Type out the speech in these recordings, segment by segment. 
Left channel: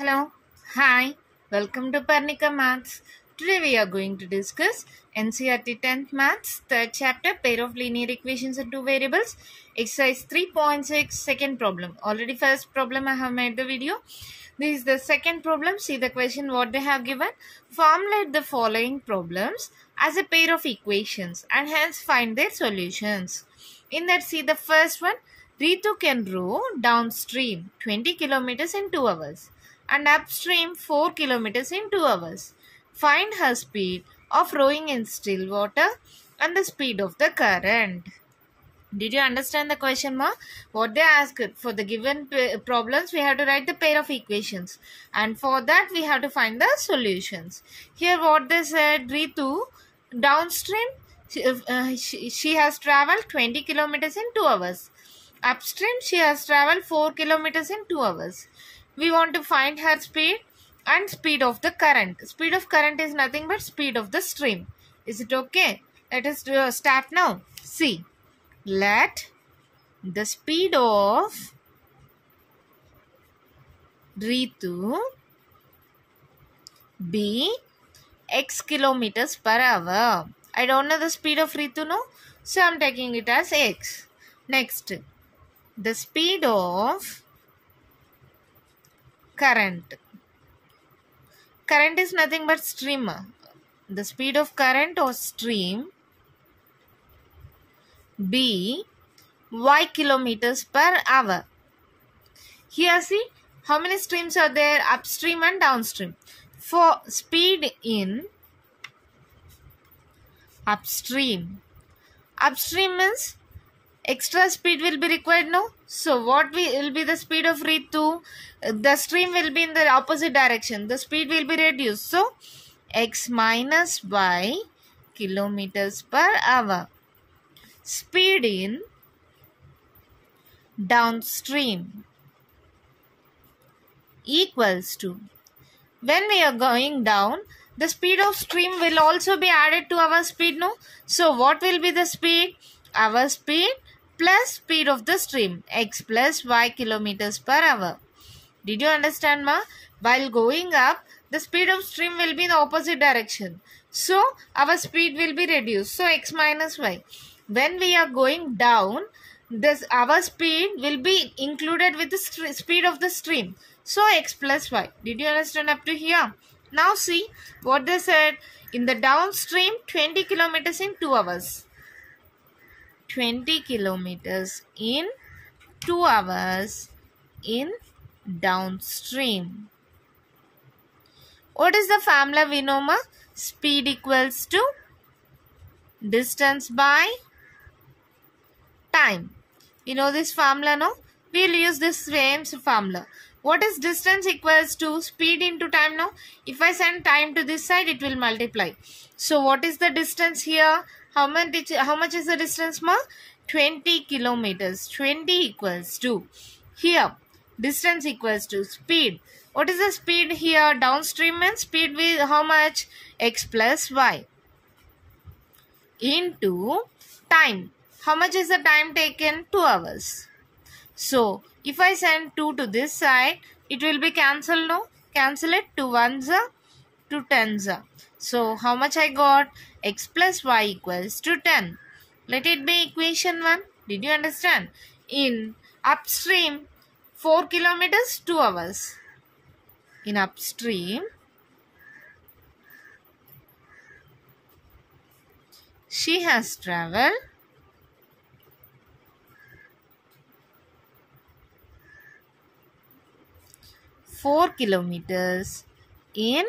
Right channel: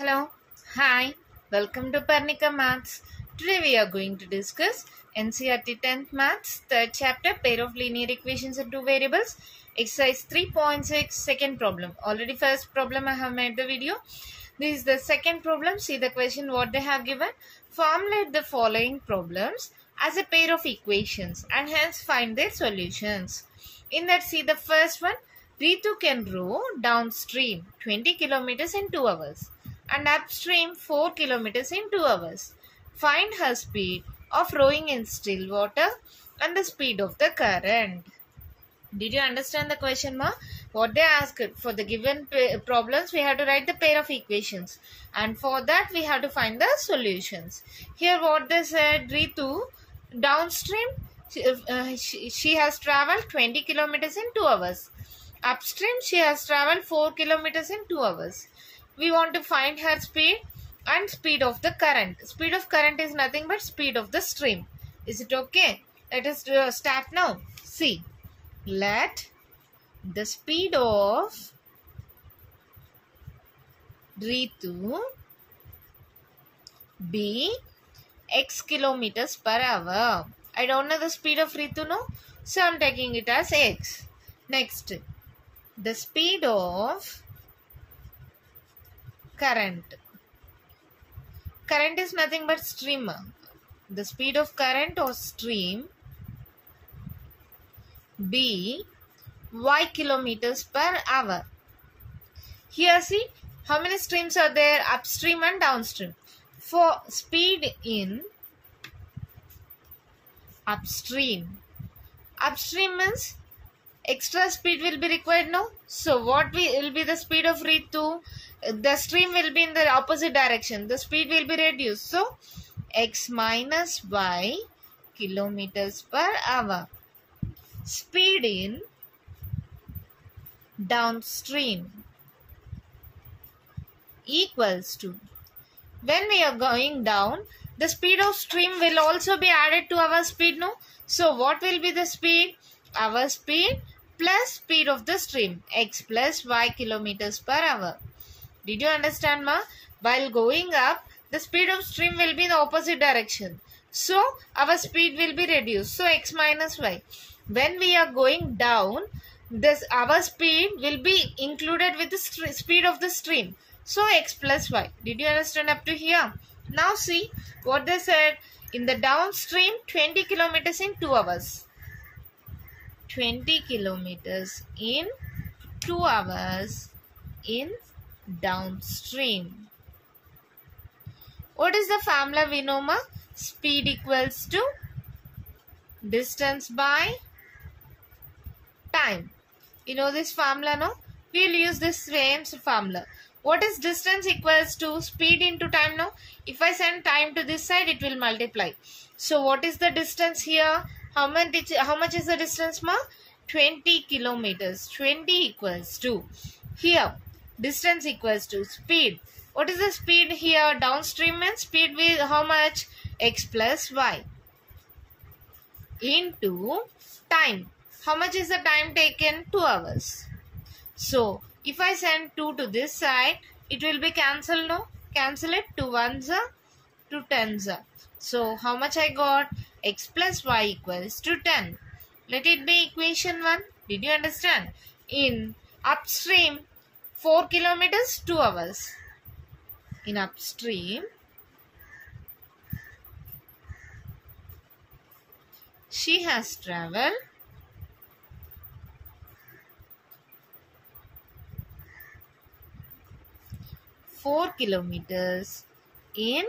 Hello, hi, welcome to Parnika Maths. Today we are going to discuss NCERT 10th Maths, 3rd chapter, pair of linear equations in two variables, exercise 3.6, second problem. Already first problem I have made the video. This is the second problem. See the question what they have given. Formulate the following problems as a pair of equations and hence find their solutions. In that, see the first one. Ritu can row downstream 20 kilometers in 2 hours and upstream 4 kilometers in 2 hours. Find her speed of rowing in still water and the speed of the current. Did you understand the question, ma? What they asked for the given problems, we have to write the pair of equations. And for that, we have to find the solutions. Here what they said, Ritu, downstream, she has traveled 20 kilometers in 2 hours. Upstream, she has traveled 4 kilometers in 2 hours. We want to find her speed and speed of the current. Speed of current is nothing but speed of the stream. Is it okay? Let us start now. See. Let the speed of Ritu be x kilometers per hour. I don't know the speed of Ritu, no? So I am taking it as x. Next, the speed of current. Current is nothing but stream. The speed of current or stream be y kilometers per hour. Here see how many streams are there, upstream and downstream. For speed in upstream means extra speed will be required, no? So what will be the speed of Ritu? The stream will be in the opposite direction. The speed will be reduced. So x minus y kilometers per hour. Speed in downstream equals to, when we are going down, the speed of stream will also be added to our speed, no? So what will be the speed? Our speed plus speed of the stream, x plus y kilometers per hour. Did you understand, ma? While going up, the speed of stream will be in the opposite direction. So our speed will be reduced. So x minus y. When we are going down, our speed will be included with the speed of the stream. So x plus y. Did you understand up to here? Now see what they said. In the downstream, 20 kilometers in 2 hours. 20 kilometers in 2 hours in downstream. What is the formula we know, ma? Speed equals to distance by time. You know this formula, no? We will use this same formula. What is distance equals to speed into time, no? If I send time to this side, it will multiply. So what is the distance here? How much is the distance, ma? 20 kilometers. 20 equals to, here, distance equals to speed. What is the speed here? Downstream means speed with how much? X plus y into time. How much is the time taken? 2 hours. So, if I send 2 to this side, it will be cancelled, no? Cancel it. 2 ones are, 2 tens are. So, how much I got? X plus y equals to 10. Let it be equation 1. Did you understand? In upstream, 4 kilometers, 2 hours. In upstream, she has travelled 4 kilometers in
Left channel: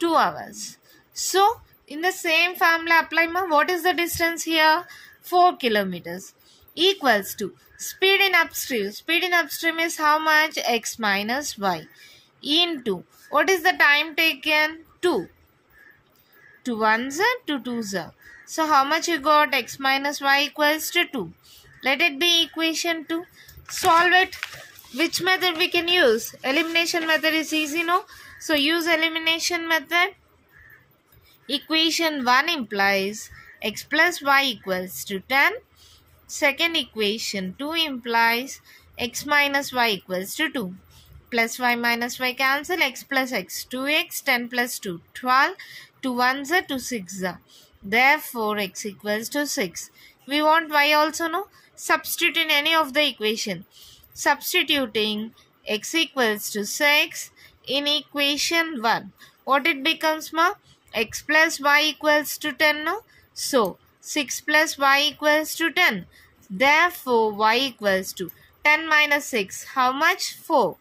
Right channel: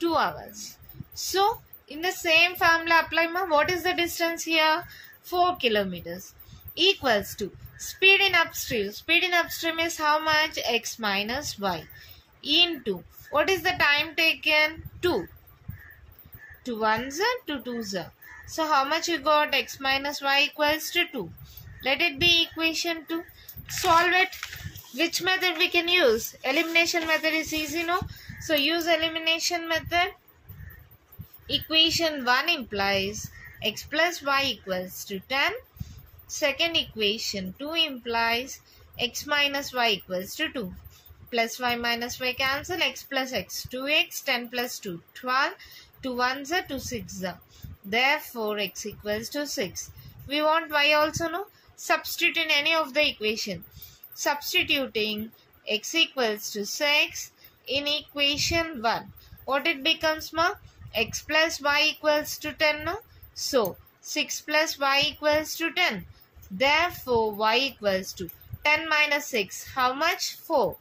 2 hours. So, in the same formula apply, ma. What is the distance here? 4 kilometers equals to speed in upstream. Speed in upstream is how much? X minus y into, what is the time taken? 2. 2 ones are, 2 twos are. So, how much you got? X minus y equals to 2. Let it be equation 2. Solve it. Which method we can use? Elimination method is easy, no? So, use elimination method. Equation 1 implies x plus y equals to 10. Second equation 2 implies x minus y equals to 2. plus y minus y cancel, x plus x, 2x, 10 plus 2, 12, 2 1s are 2 6 are. Therefore, x equals to 6. We want y also, no? Substitute in any of the equation. Substituting x equals to 6 in equation 1. What it becomes, ma? X plus y equals to 10, no? So, 6 plus y equals to 10. Therefore, y equals to 10 minus 6. How much? 4.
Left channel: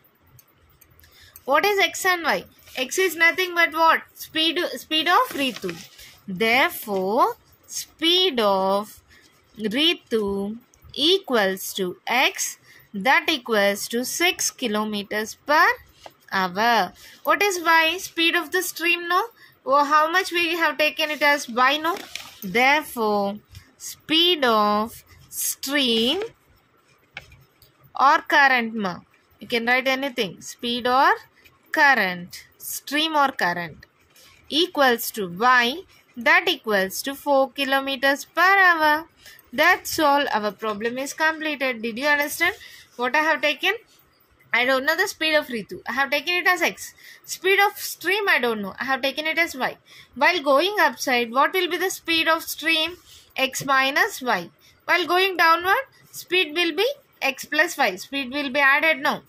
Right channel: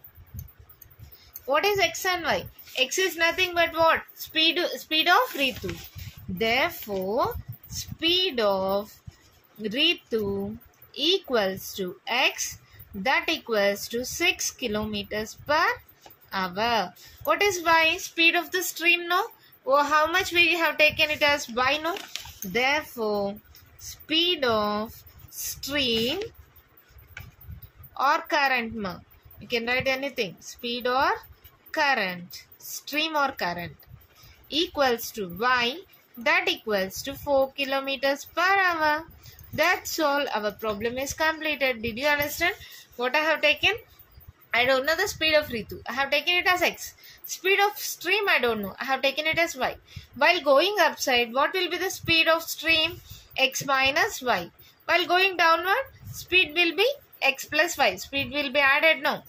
What is x and y? X is nothing but what? Speed of Ritu. Therefore, speed of Ritu equals to x, that equals to 6 kilometers per hour. What is y? Speed of the stream, no? Or how much we have taken it as y, no? Therefore, speed of stream or current, ma. You can write anything. Speed or current, stream or current, equals to y, that equals to 4 kilometers per hour. That's all. Our problem is completed. Did you understand what I have taken? I don't know the speed of Ritu. I have taken it as x. Speed of stream I don't know. I have taken it as y. While going upside, what will be the speed of stream? X minus y. While going downward, speed will be x plus y. Speed will be added, no.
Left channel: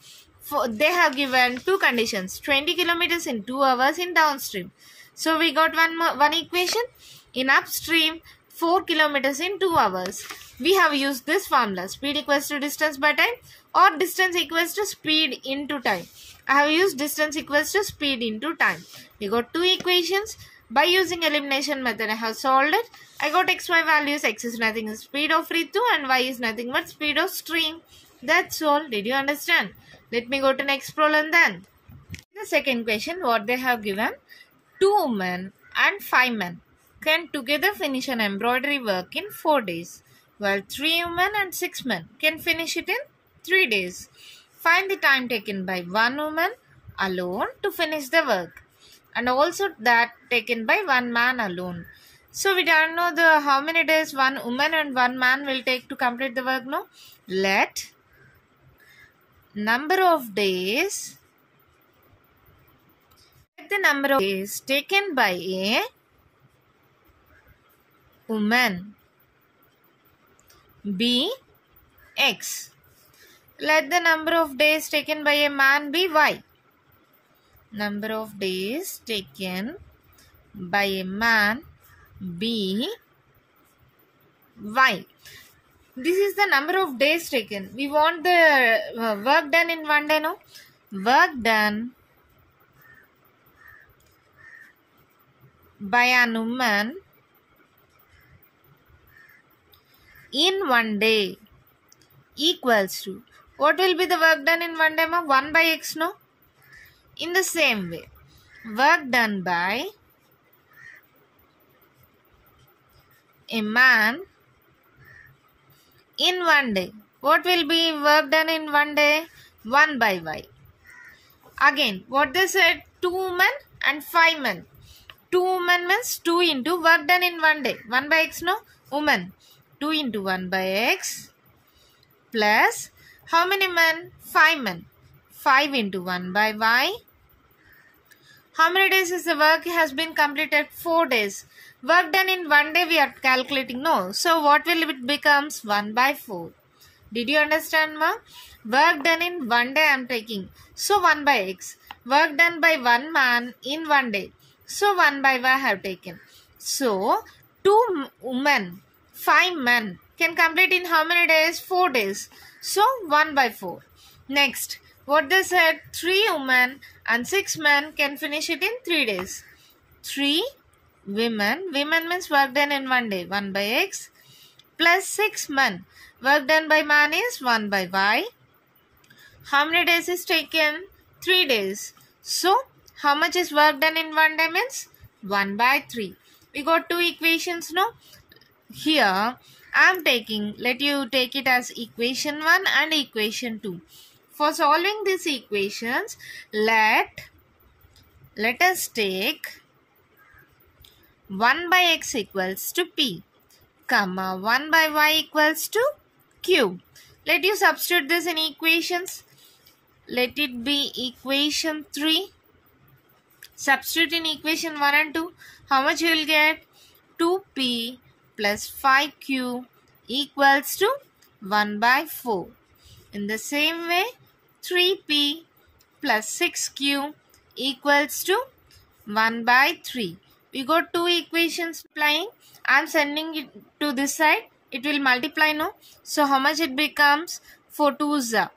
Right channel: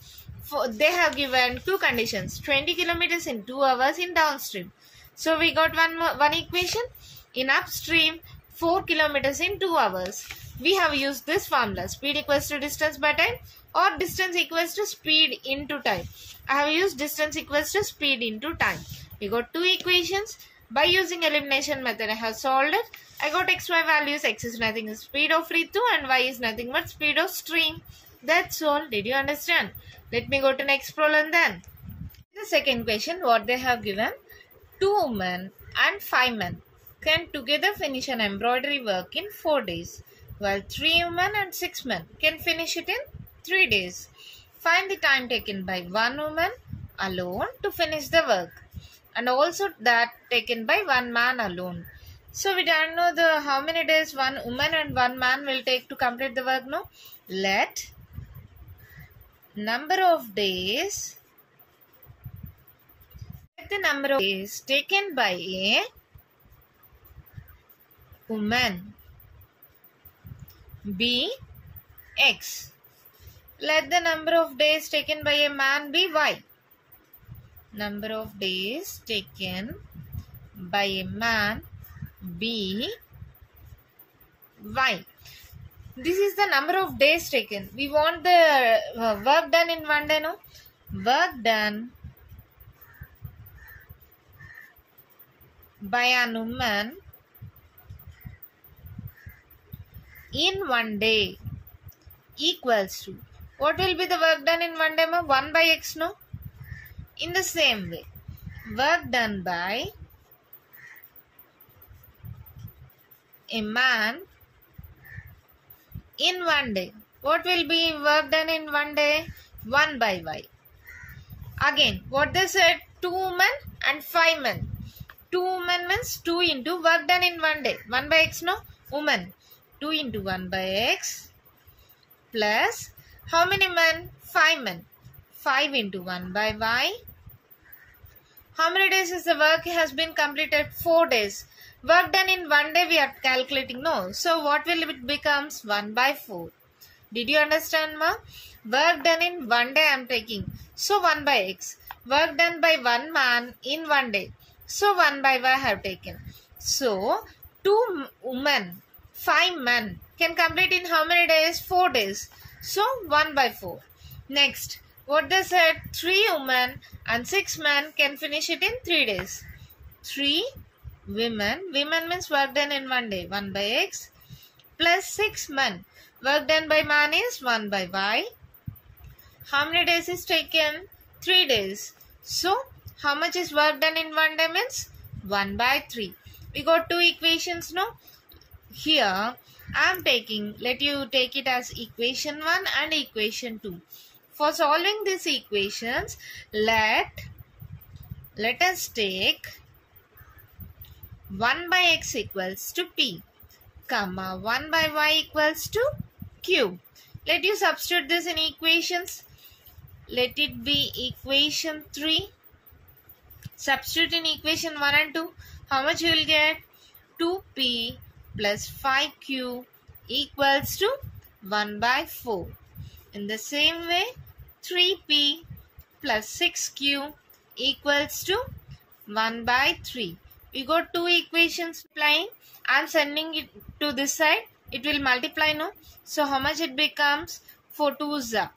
They have given two conditions. 20 kilometers in 2 hours in downstream. So we got one equation. In upstream, 4 kilometers in 2 hours. We have used this formula. Speed equals to distance by time or distance equals to speed into time. I have used distance equals to speed into time. We got two equations. By using elimination method, I have solved it. I got xy values. X is nothing but speed of Ritu and y is nothing but speed of stream. That's all. Did you understand? Let me go to next problem then. The second question, what they have given. 2 women and 5 men can together finish an embroidery work in 4 days, while 3 women and 6 men can finish it in 3 days. Find the time taken by 1 woman alone to finish the work, and also that taken by 1 man alone. So we don't know the how many days 1 woman and 1 man will take to complete the work, no? Let number of days, the number of days taken by a woman be x. Let the number of days taken by a man be y. Number of days taken by a man be y. This is the number of days taken. We want the work done in 1 day, no? Work done by a woman in 1 day equals to, what will be the work done in 1 day, ma? 1 by x, no? In the same way, work done by a man in 1 day. What will be work done in 1 day? 1 by y. Again, what they said, 2 women and 5 men. 2 women means 2 into work done in 1 day. 1 by x, no? Woman. 2 into 1 by x plus how many men? 5 men. 5 into 1 by y. How many days is the work has been completed? 4 days. Work done in 1 day we are calculating, no? So what will it becomes? 1 by 4. Did you understand, ma? Work done in 1 day I am taking. So 1 by x. Work done by 1 man in 1 day. So 1 by y I have taken. So 2 women, 5 men can complete in how many days? 4 days. So 1 by 4. Next, what they said, 3 women and 6 men can finish it in 3 days. 3 women means work done in 1 day, 1 by x plus 6 men. Work done by man is 1 by y. How many days is taken? 3 days. So, how much is work done in 1 day means? 1 by 3. We got two equations, no? Here, I am taking, let you take it as equation 1 and equation 2. For solving these equations, let us take 1 by x equals to p, comma 1 by y equals to q. Let you substitute this in equations. let it be equation 3. Substitute in equation 1 and 2. How much you will get? 2p plus 5q equals to 1 by 4. In the same way, 3p plus 6q equals to 1 by 3. We got two equations applying. I am sending it to this side. It will multiply, no? So how much it becomes? 4 2s are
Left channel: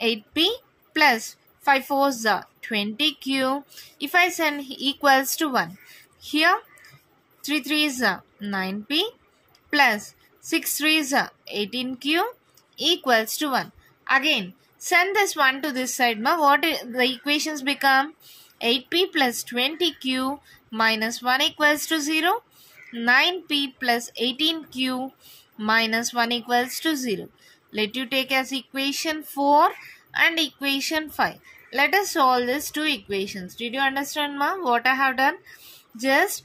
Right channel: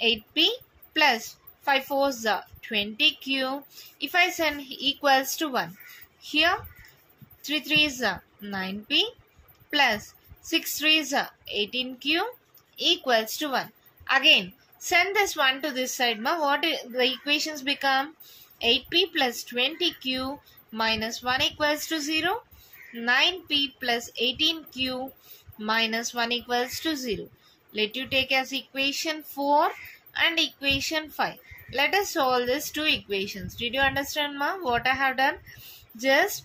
8p plus 5 4s are 20q. If I send equals to 1. Here 3 3s are 9p plus 6 3s are 18q equals to 1. Again, send this 1 to this side. What the equations become? 8p plus 20q minus 1 equals to 0. 9p plus 18q minus 1 equals to 0. Let you take as equation 4 and equation 5. Let us solve these two equations. Did you understand, what I have done? Just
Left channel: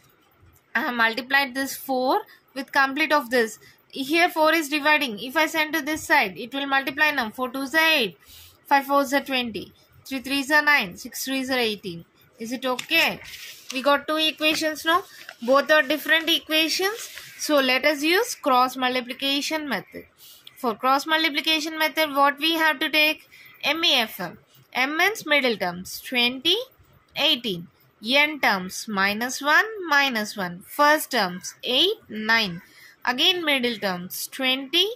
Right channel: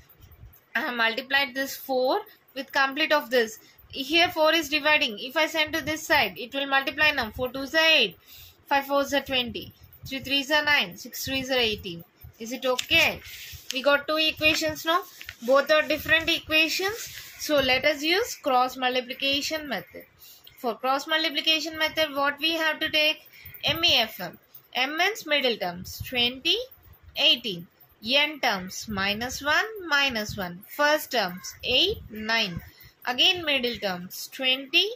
I have multiplied this 4 with complete of this. Here 4 is dividing. If I send to this side, it will multiply now. 4 2s are 8. 5 4s are 20. 3 3s are 9. 6 3s are 18. Is it okay? We got two equations now. Both are different equations. So let us use cross multiplication method. For cross multiplication method, what we have to take? MEFM. M means middle terms. 20, 18. N terms minus 1. First terms 8, 9. Again middle terms 20,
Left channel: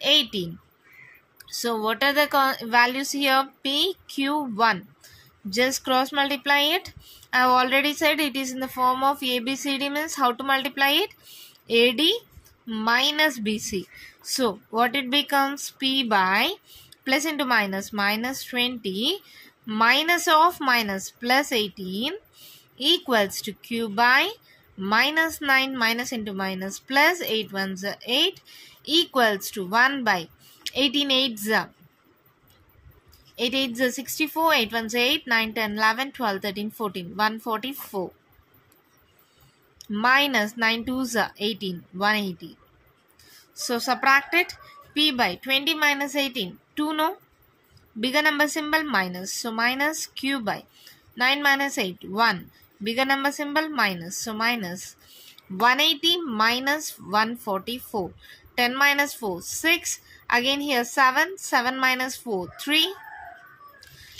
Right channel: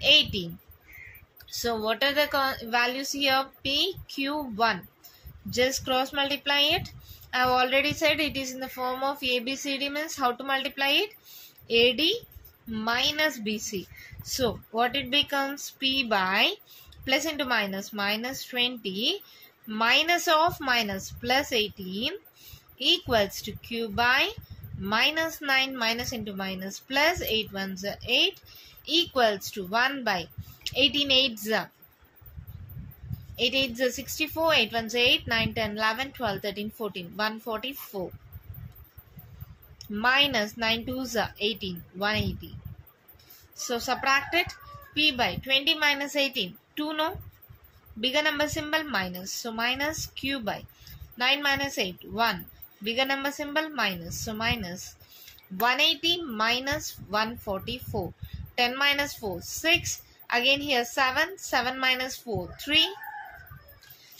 18. So what are the values here? P, Q, 1. Just cross multiply it. I have already said it is in the form of ABCD, means how to multiply it? AD minus BC. So what it becomes? P by plus into minus, minus 20 minus of minus plus 18 equals to Q by minus 9 minus into minus plus 8 1s are 8 equals to 1 by 18 8s are 8 8s are 64, 8 1s are 8, 9 10 11 12 13 14, 144 minus 9 2s are 18, 180. So subtract it. P by 20 minus 18, 2, no? Bigger number symbol minus, so minus Q by 9 minus 8, 1. Bigger number symbol minus, so minus 180 minus 144. 10 minus 4, 6. Again here 7. 7 minus 4, 3.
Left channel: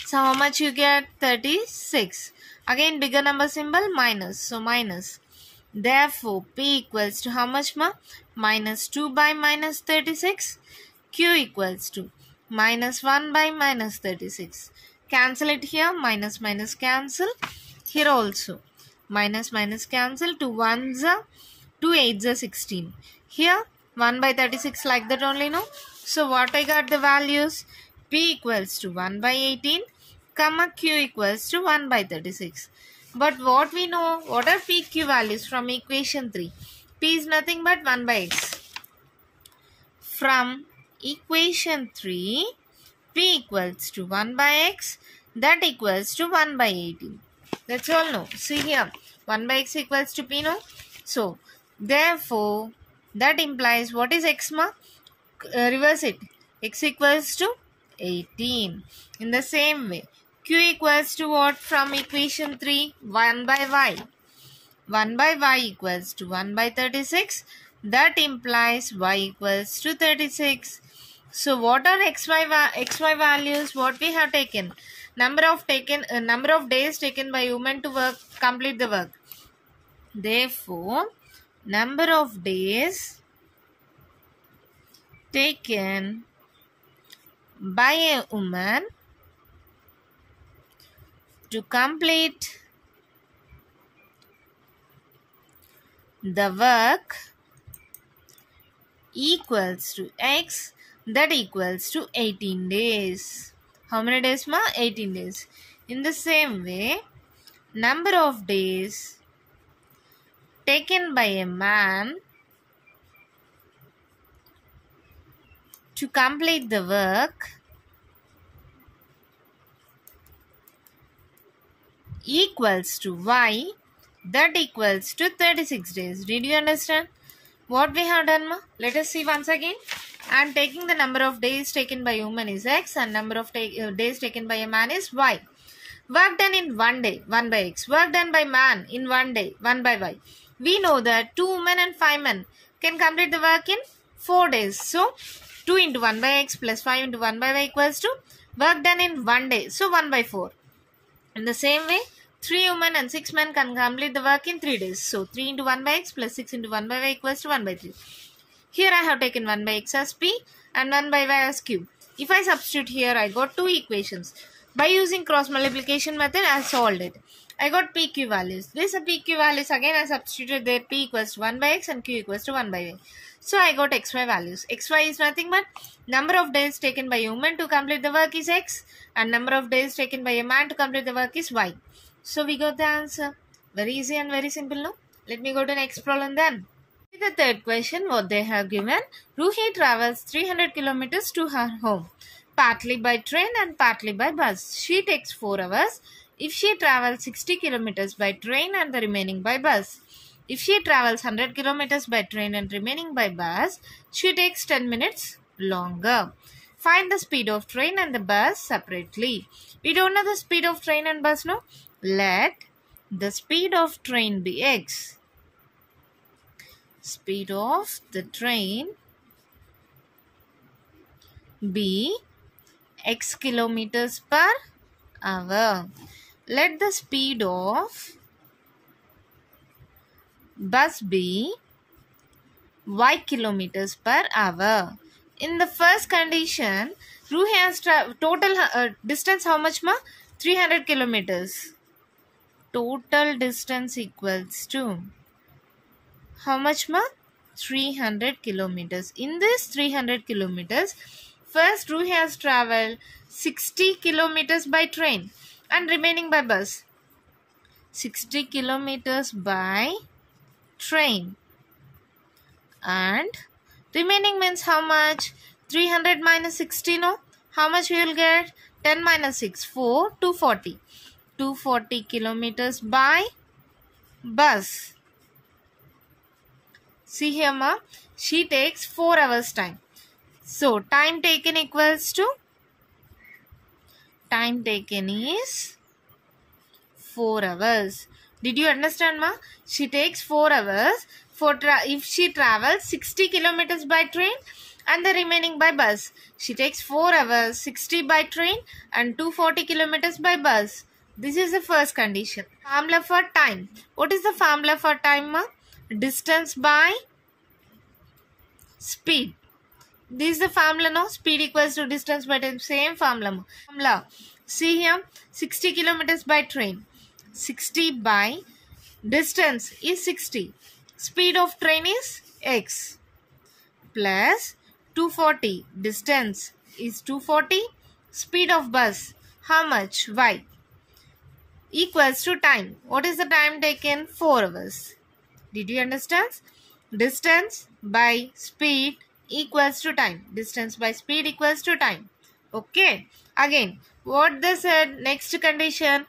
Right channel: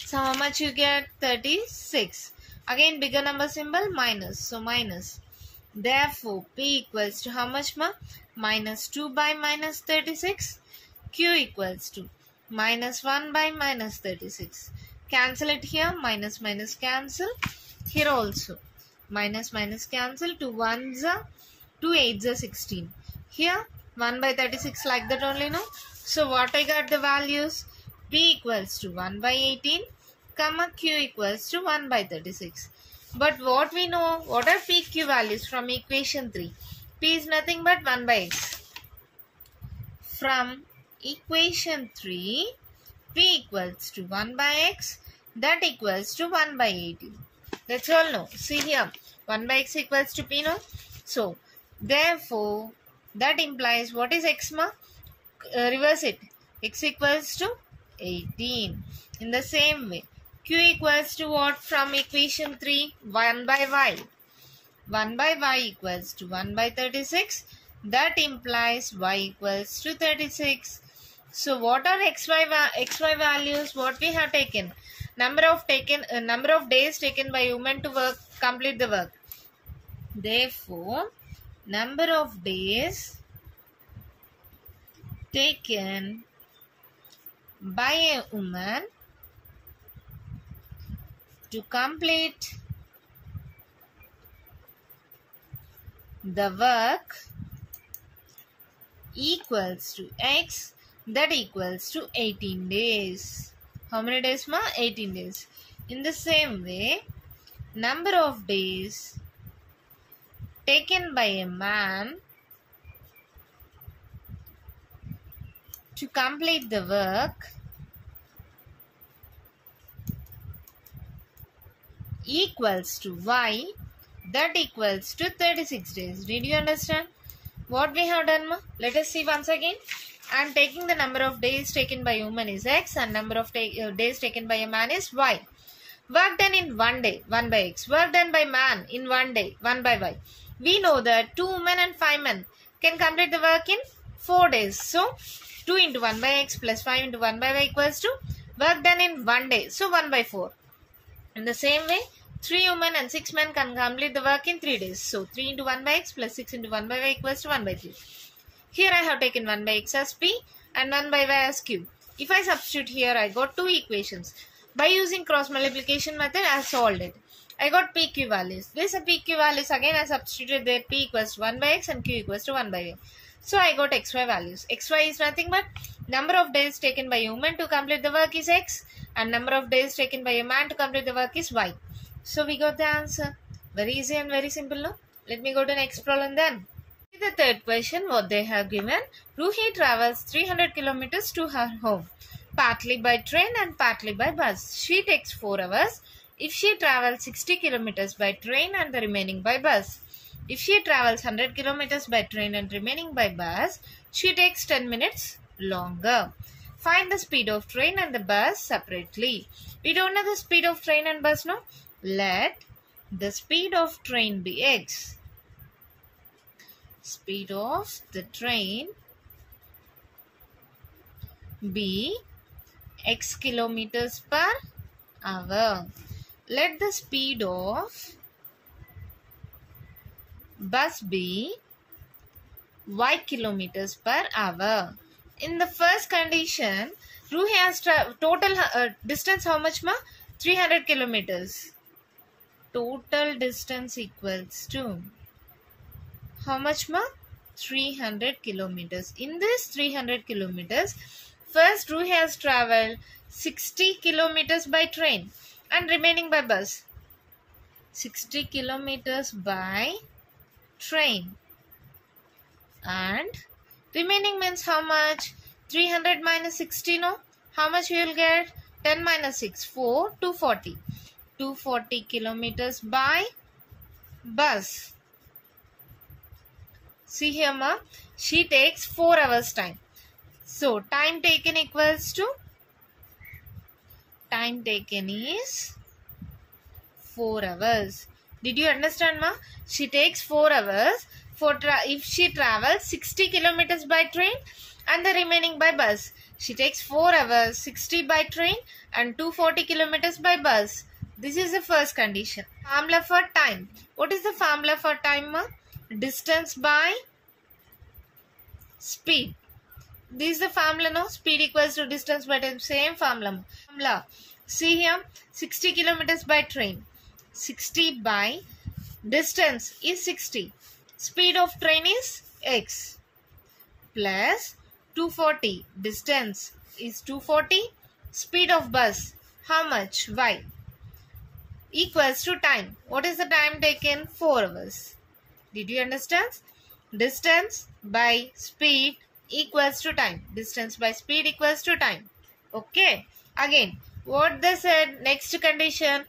So how much you get? 36. Again bigger number symbol minus, so minus. Therefore P equals to how much, ma? Minus 2 by minus 36. Q equals to minus 1 by minus 36. Cancel it here. Minus minus cancel. Here also. Minus minus cancel. 2 1s are 2 8s are 16. Here 1 by 36 like that only, no? So what I got the values? P equals to 1 by 18, comma Q equals to 1 by 36. But what we know? What are P, Q values from equation 3? P is nothing but 1 by x. From equation 3, P equals to 1 by x, that equals to 1 by 18. That's all, no? See here, 1 by x equals to P, no? So, therefore, that implies what is x, ma? Reverse it. X equals to 18. In the same way, Q equals to what from equation 3? 1 by y. 1 by y equals to 1 by 36. That implies y equals to 36. So what are xy values? What we have taken? Number of days taken by women to complete the work. Therefore, number of days taken by a woman to complete the work equals to x, that equals to 18 days. How many days, ma? 18 days. In the same way, number of days taken by a man to complete the work equals to y, that equals to 36 days. Did you understand what we have done, ma? Let us see once again. and taking the number of days taken by a woman is X and number of days taken by a man is Y. Work done in 1 day, 1 by X. Work done by man in 1 day, 1 by Y. We know that 2 women and 5 men can complete the work in 4 days. So, 2 into 1 by X plus 5 into 1 by Y equals to work done in 1 day. So, 1 by 4. In the same way, 3 women and 6 men can complete the work in 3 days. So, 3 into 1 by X plus 6 into 1 by Y equals to 1 by 3. Here I have taken 1 by X as P and 1 by Y as Q. If I substitute here, I got 2 equations. By using cross multiplication method, I solved it. I got PQ values. These are PQ values. Again, I substituted there P equals to 1 by X and Q equals to 1 by Y. So, I got XY values. XY is nothing but number of days taken by a woman to complete the work is X and number of days taken by a man to complete the work is Y. So, we got the answer. Very easy and very simple, no? Let me go to the next problem then. The third question, what they have given. Ruhi travels 300 kilometers to her home, partly by train and partly by bus. She takes 4 hours if she travels 60 kilometers by train and the remaining by bus. If she travels 100 kilometers by train and remaining by bus, she takes 10 minutes longer. Find the speed of train and the bus separately. We don't know the speed of train and bus, no? Let the speed of train be X. Speed of the train be X kilometers per hour. Let the speed of bus be Y kilometers per hour. In the first condition, Ruhi has total distance how much ma? 300 kilometers. Total distance equals to how much ma? 300 kilometers. In this 300 kilometers, first Ruhi has traveled 60 kilometers by train and remaining by bus. 60 kilometers by train and remaining means how much? 300 minus 60, no? How much we will get? 10 minus 6, 4, 240. 240 kilometers by bus. See here ma, she takes 4 hours time. So, time taken equals to, time taken is 4 hours. Did you understand ma? She takes 4 hours for if she travels 60 kilometers by train and the remaining by bus. She takes 4 hours, 60 by train and 240 kilometers by bus. This is the first condition. Formula for time. What is the formula for time ma? Distance by speed. This is the formula, no? Speed equals to distance by time. Same formula. See here, 60 kilometers by train. 60 by distance is 60. Speed of train is X. Plus 240. Distance is 240. Speed of bus, how much? Y. Equals to time. What is the time taken? 4 hours. Did you understand? Distance by speed equals to time. Distance by speed equals to time. Okay. Again, what they said, next condition.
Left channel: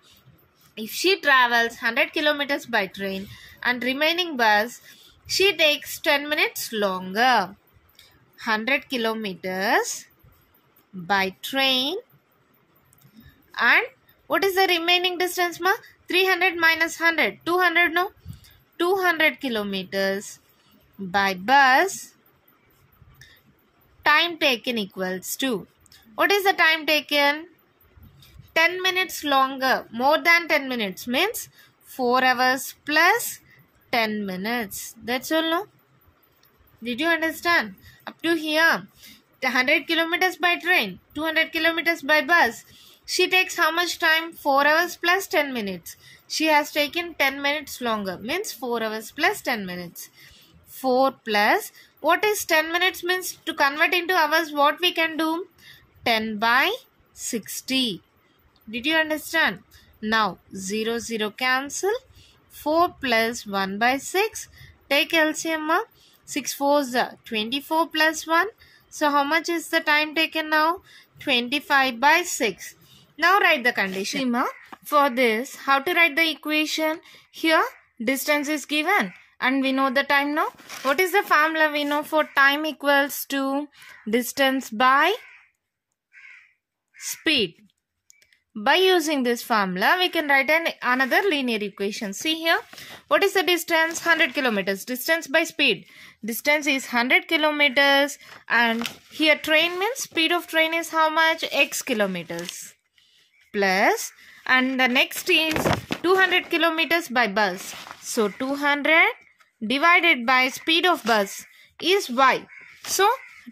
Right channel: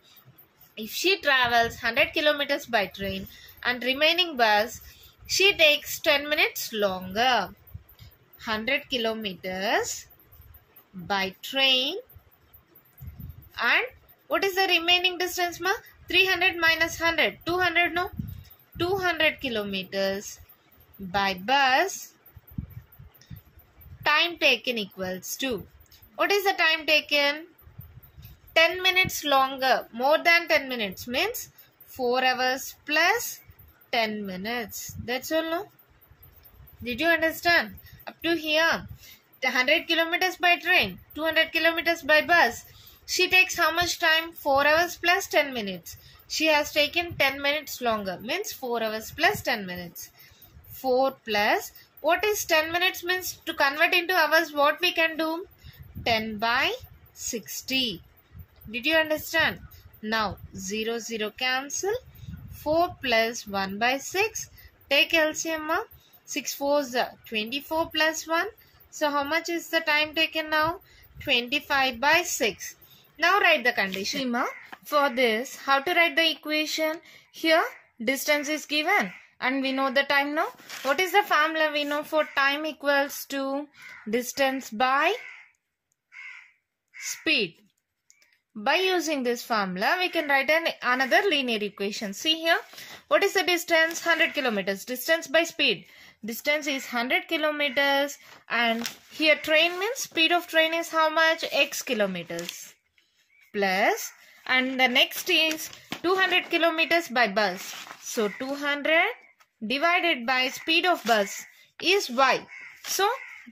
If she travels 100 kilometers by train and remaining bus, she takes 10 minutes longer. 100 kilometers by train and what is the remaining distance ma? 300 minus 100. 200 no? 200 kilometers by bus. Time taken equals to. What is the time taken? 10 minutes longer. More than 10 minutes means 4 hours plus 10 minutes. That's all, no? Did you understand? Up to here. 100 kilometers by train. 200 kilometers by bus. She takes how much time? 4 hours plus 10 minutes. She has taken 10 minutes longer. Means 4 hours plus 10 minutes. 4 plus. What is 10 minutes means? To convert into hours, what we can do? 10 by 60. Did you understand? Now, 0, 0 cancel. 4 plus 1 by 6. Take LCM. 6 4s are 24 plus 1. So, how much is the time taken now? 25 by 6. Now, write the condition. For this, how to write the equation? Here, distance is given And we know the time now. What is the formula we know for time equals to distance by speed? By using this formula, we can write another linear equation. See here, what is the distance? 100 kilometers. Distance by speed. Distance is 100 kilometers, and here train means speed of train is how much? X kilometers. Plus, and the next is 200 kilometers by bus. So 200 divided by speed of bus is y. So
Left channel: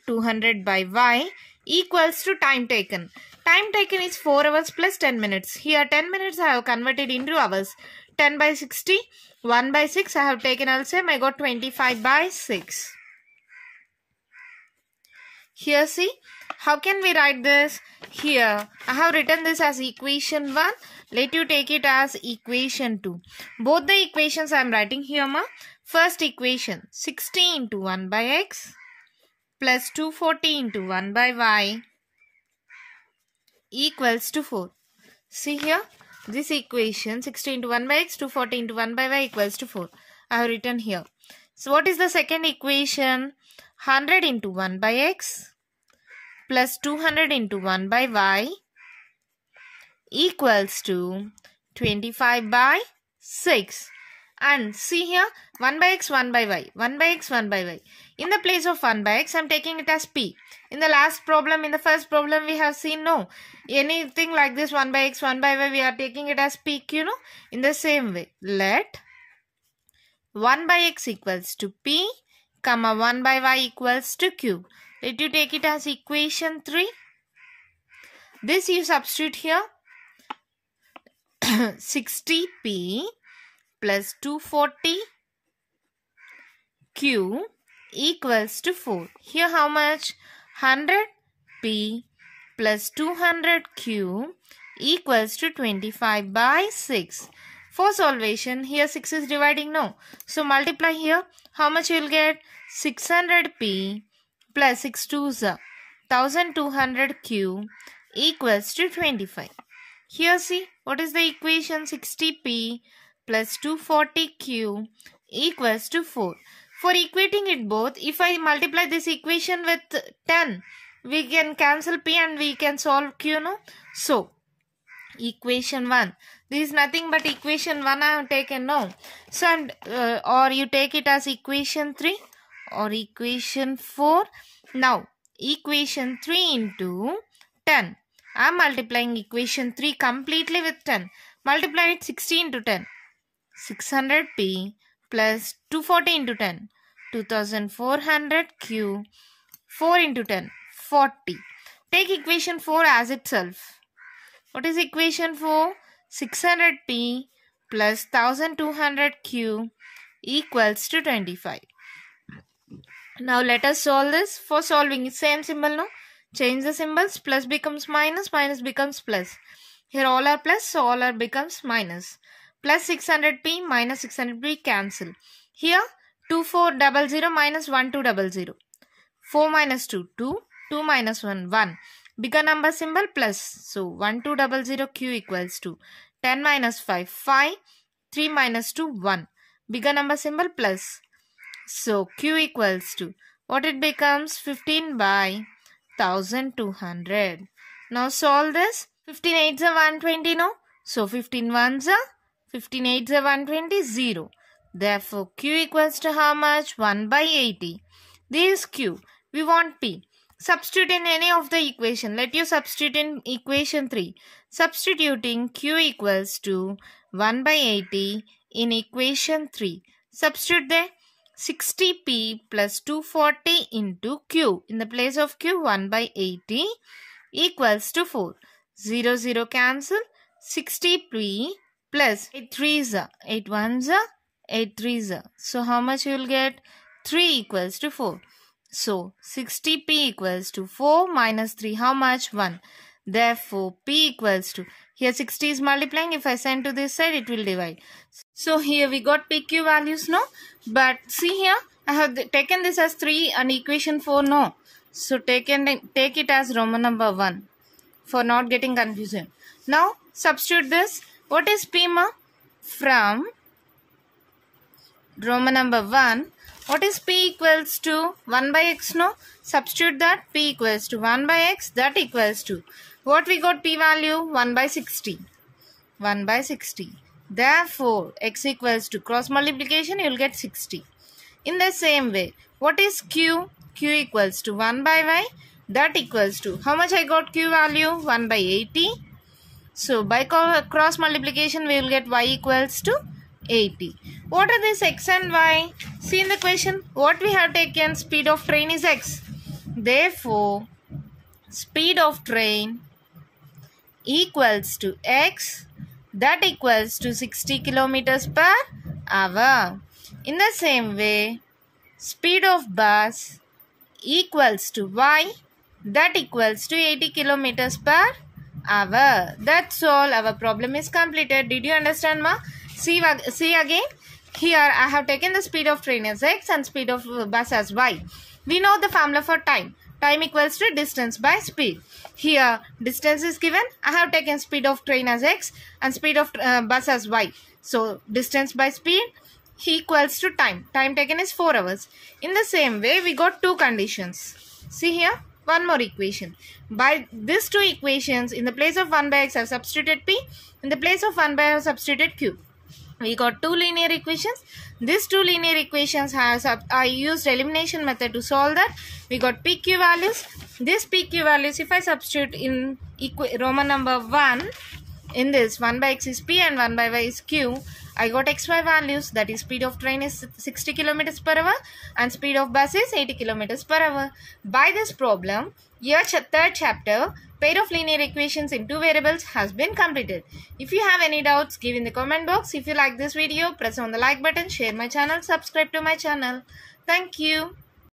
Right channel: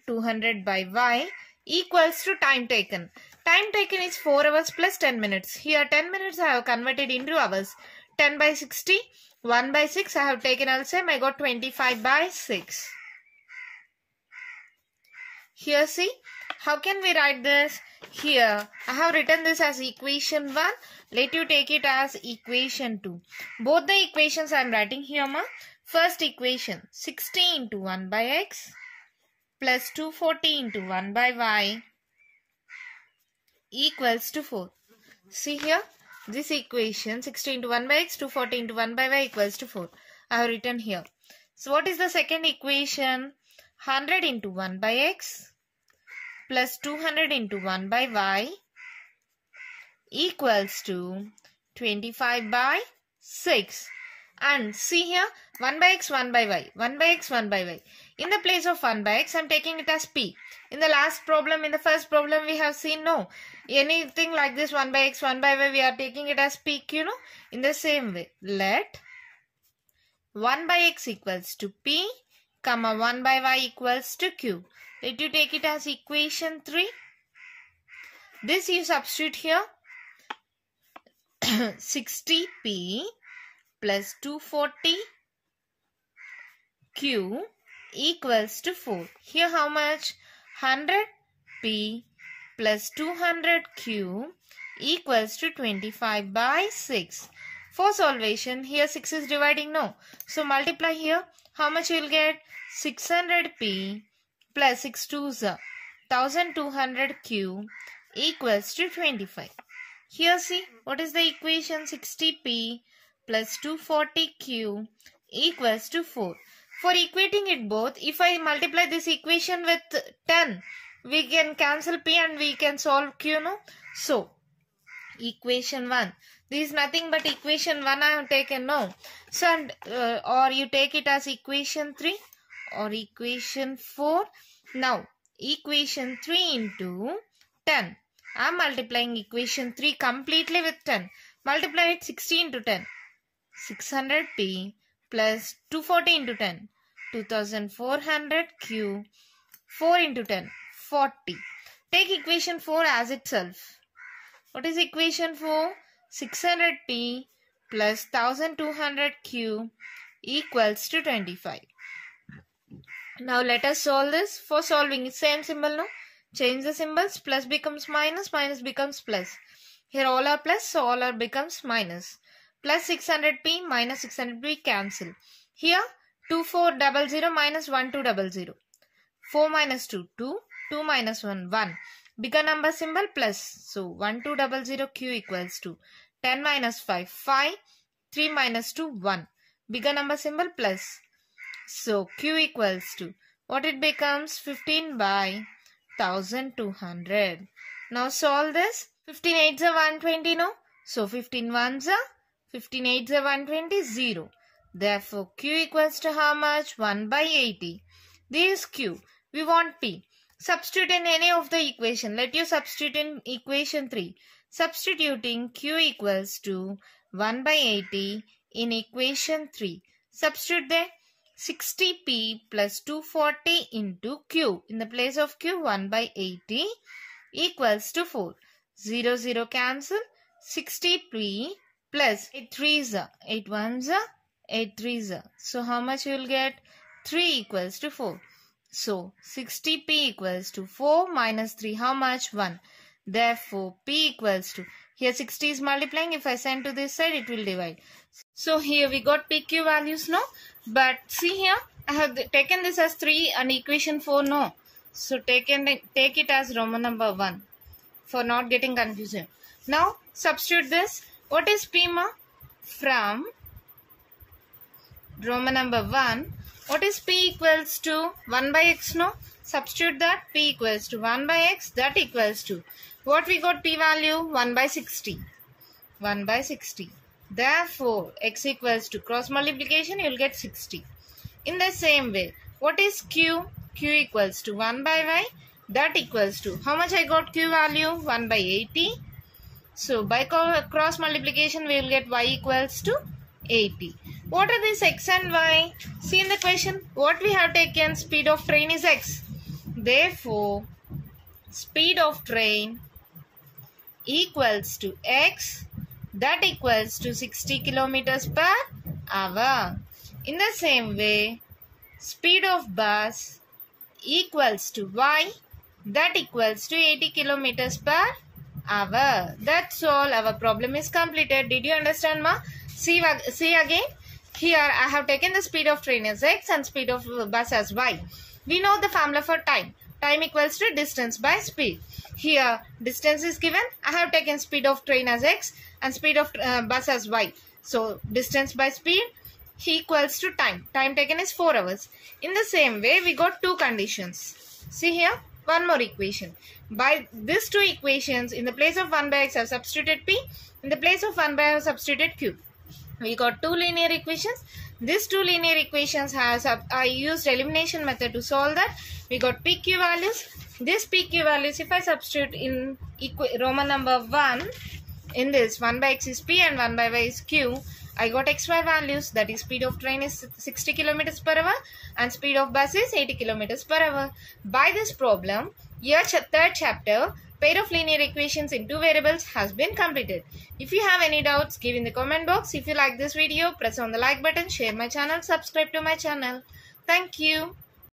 200 by y equals to time taken. Time taken is 4 hours plus 10 minutes. Here 10 minutes I have converted into hours. 10 by 60, 1 by 6 I have taken LCM. I got 25 by 6. Here see, how can we write this? Here I have written this as equation 1. Let you take it as equation 2. Both the equations I am writing here ma. First equation 60 into 1 by x plus 240 into 1 by y equals to 4. See here, this equation 60 into 1 by x, 240 into 1 by y equals to 4. I have written here. So what is the second equation? 100 into 1 by x plus 200 into 1 by y equals to 25 by 6. And see here, 1 by x, 1 by y, 1 by x, 1 by y. In the place of 1 by x, I am taking it as p. In the last problem, in the first problem, we have seen no. Anything like this 1 by x, 1 by y, we are taking it as p, you know. In the same way, let 1 by x equals to p, comma 1 by y equals to q. Let you take it as equation 3. This you substitute here. 60p plus 240 q equals to 4. Here how much? 100p plus 200q equals to 25 by 6. For solvation, here 6 is dividing, no. So multiply here. How much you will get? 600p plus 6 2s are 1200q equals to 25. Here see, what is the equation? 60p plus 240q equals to 4. For equating it both, if I multiply this equation with 10, we can cancel p and we can solve q, no? So, equation 1. This is nothing but equation 1 I have taken, no? So, or you take it as equation 3 or equation 4. Now, equation 3 into 10. I am multiplying equation 3 completely with 10. Multiply it 60 into 10. 600p plus 240 into 10. 2400q. 4 into 10. 40. Take equation 4 as itself. What is equation 4? 600p plus 1200q equals to 25. Now let us solve this. For solving, same symbol, no? Change the symbols. Plus becomes minus, minus becomes plus. Here all are plus, so all are becomes minus. Plus 600p minus 600p cancel. Here 2400 minus 1200. 4 minus 2, 2. 2 minus 1, 1. Bigger number symbol plus. So 1200q equals to 10 minus 5, 5. 3 minus 2, 1. Bigger number symbol plus. So q equals to, what it becomes? 15 by 1200. Now solve this. 15 8s are 120, no? So 15 1s are 15 8s are 120, 0. Therefore q equals to how much? 1 by 80. This is q. We want p. Substitute in any of the equation. Let you substitute in equation 3. Substituting q equals to 1 by 80 in equation 3. Substitute there. 60p plus 240 into q. In the place of q, 1 by 80 equals to 4. 0, 0 cancel. 60p plus 8 3s are 8 1s are 8 3s are. So how much you will get? 3 equals to 4. So 60p equals to 4 minus 3. How much? 1. Therefore p equals to, here 60 is multiplying. If I send to this side, it will divide. So here we got pq values, no? But see here, I have taken this as 3 and equation 4, no? So take it as Roman number 1 for not getting confusion. Now substitute this. What is p ma? From Roman number 1. What is P equals to 1 by x? No? Substitute that. P equals to 1 by x. That equals to. What we got P value? 1 by 60. 1 by 60. Therefore, x equals to cross multiplication. You will get 60. In the same way, what is Q? Q equals to 1 by y. That equals to. How much I got Q value? 1 by 80. So, by cross multiplication, we will get y equals to 80. What are these x and y? See in the question, what we have taken, speed of train is x. Therefore, speed of train equals to x. That equals to 60 kilometers per hour. In the same way, speed of bus equals to y. That equals to 80 kilometers per hour. That's all. Our problem is completed. Did you understand, ma? See again. Here I have taken the speed of train as x and speed of bus as y. We know the formula for time. Time equals to distance by speed. Here distance is given. I have taken speed of train as x and speed of bus as y. So distance by speed equals to time. Time taken is 4 hours. In the same way, we got two conditions. See here. One more equation. By these two equations, in the place of 1 by x I have substituted p. In the place of 1 by I have substituted q. We got two linear equations. These two linear equations I used elimination method to solve that. We got PQ values. This PQ values, if I substitute in Roman number 1, in this 1 by x is P and 1 by y is Q, I got xy values, that is speed of train is 60 km per hour and speed of bus is 80 km per hour. By this problem, your third chapter, pair of linear equations in two variables has been completed. If you have any doubts, give in the comment box. If you like this video, press on the like button, share my channel, subscribe to my channel. Thank you.